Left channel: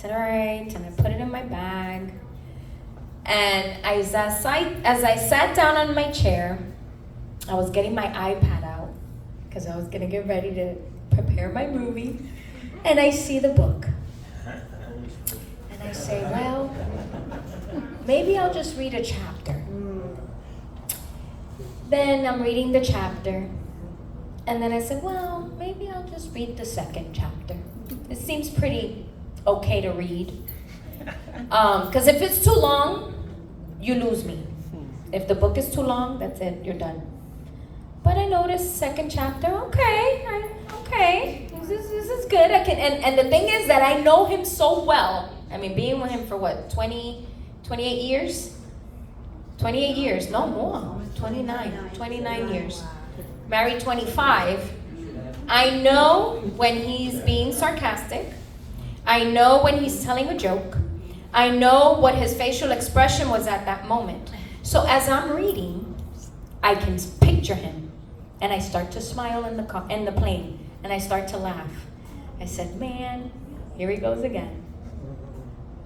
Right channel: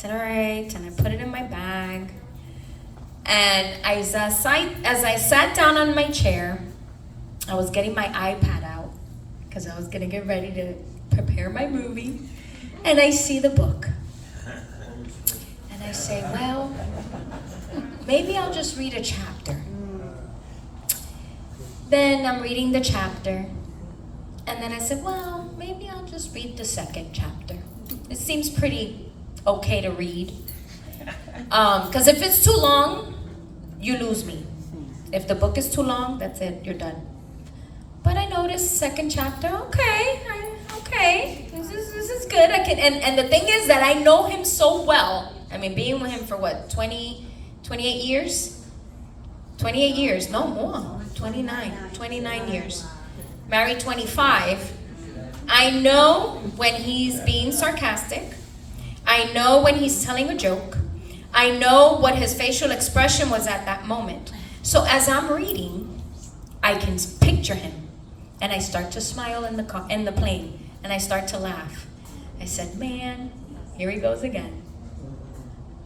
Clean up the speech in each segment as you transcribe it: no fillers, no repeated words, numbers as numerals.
said, all right, and I put it in my bag. And as I sat down on my chair, I was getting my iPad out because I was going to get ready to prepare my movie. And I see the book. And I say, well, maybe I'll just read a chapter. Then I'm reading the chapter. And then I said, well, maybe I'll just read the second chapter. It seems pretty okay to read. Because if it's too long, you lose me. If the book is too long, that's it, you're done. But I noticed second chapter, okay, this is good. I can, and the thing is that I know him so well. I mean, being with him for what, 28 years? 28 years, no more, 29 years. Married 25. I know when he's being sarcastic. I know when he's telling a joke. I know what his facial expression was at that moment. So as I'm reading, I can picture him. And I start to smile in the plane. And I start to laugh. I said, man, here he goes again.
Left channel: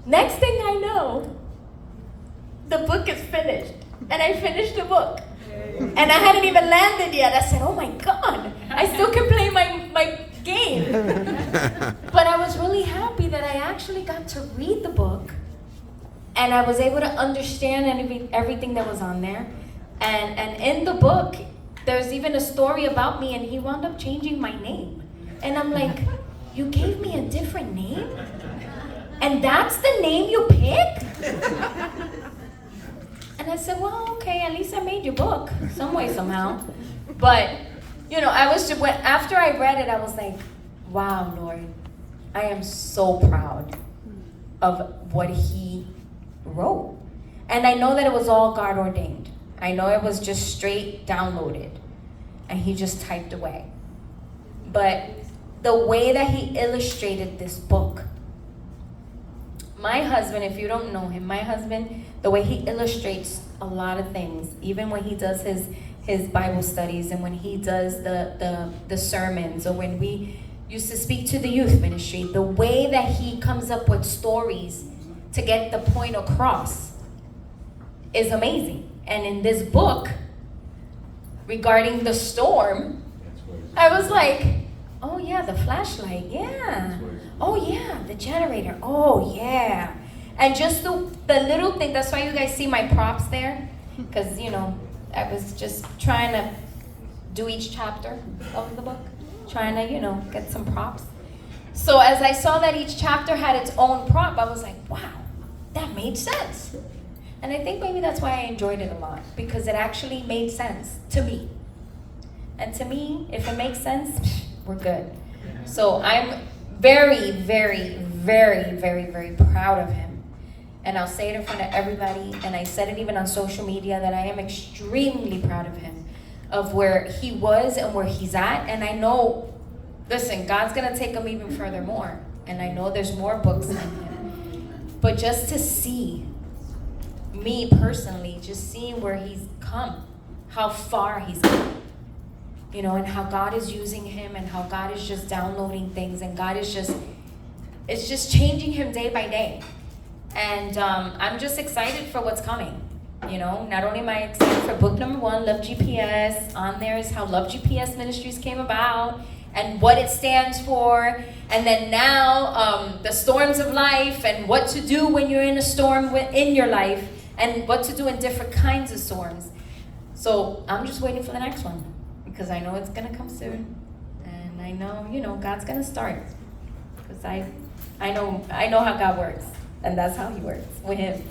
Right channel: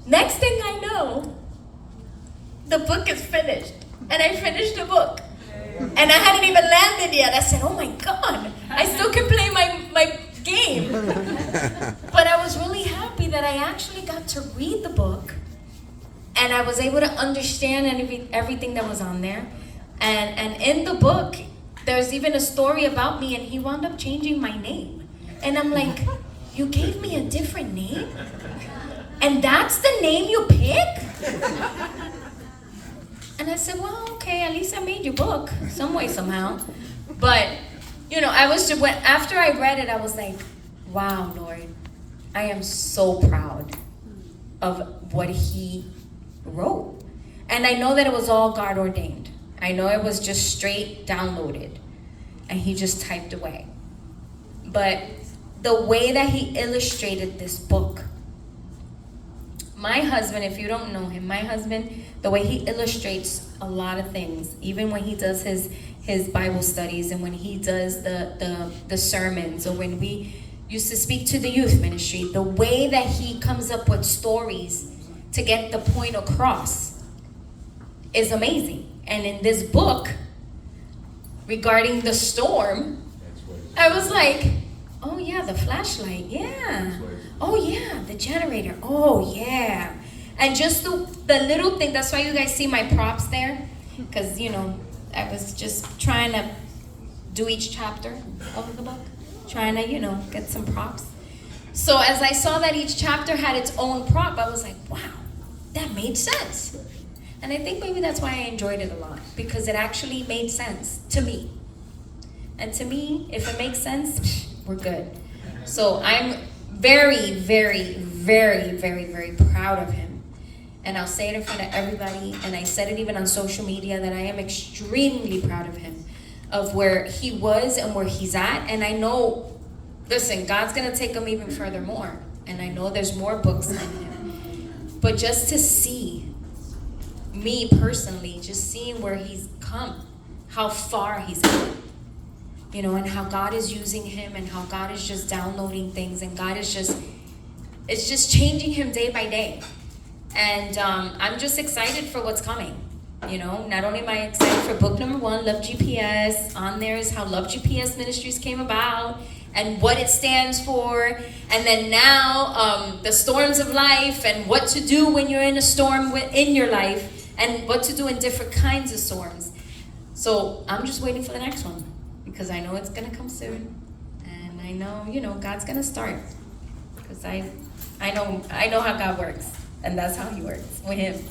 Next thing I know, the book is finished. And I finished the book. And I hadn't even landed yet. I said, oh my God, I still can play my game. But I was really happy that I actually got to read the book. And I was able to understand everything that was on there. And in the book, there's even a story about me, and he wound up changing my name. And I'm like, you gave me a different name? And that's the name you pick? And I said, well, okay, at least I made your book, some way, somehow. But, after I read it, I was like, wow, Lord, I am so proud of what he wrote. And I know that it was all God ordained. I know it was just straight downloaded, and he just typed away. But the way that he illustrated this book, my husband, if you don't know him, the way he illustrates a lot of things, even when he does his Bible studies and when he does the sermons, or when we used to speak to the youth ministry, the way that he comes up with stories to get the point across is amazing. And in this book, regarding the storm, I was like, oh yeah, the flashlight, yeah. Oh yeah, the generator, oh yeah. And just the little thing, that's why you guys see my props there. Because, I was just trying to do each chapter of the book. Trying to, get some props. So as I saw that each chapter had its own prop, I was like, wow, that made sense. And I think maybe that's why I enjoyed it a lot. Because it actually made sense to me. And to me, if it makes sense, we're good. So I'm very, very, very, very, very proud of him. And I'll say it in front of everybody, and I said it even on social media, that I am extremely proud of him, of where he was and where he's at. And I know, listen, God's gonna take him even further more. And I know there's more books in him. But just to see, me personally, just seeing where he's come, how far he's come, and how God is using him, and how God is just downloading things, and God is it's just changing him day by day. And I'm just excited for what's coming. Not only am I excited for book number 1, Love GPS. On there is how Love GPS Ministries came about and what it stands for. And then now the storms of life, and what to do when you're in a storm in your life, and what to do in different kinds of storms. So I'm just waiting for the next one, because I know it's going to come soon. And I know, God's going to start. Because I know how God works. And that's how he works with him.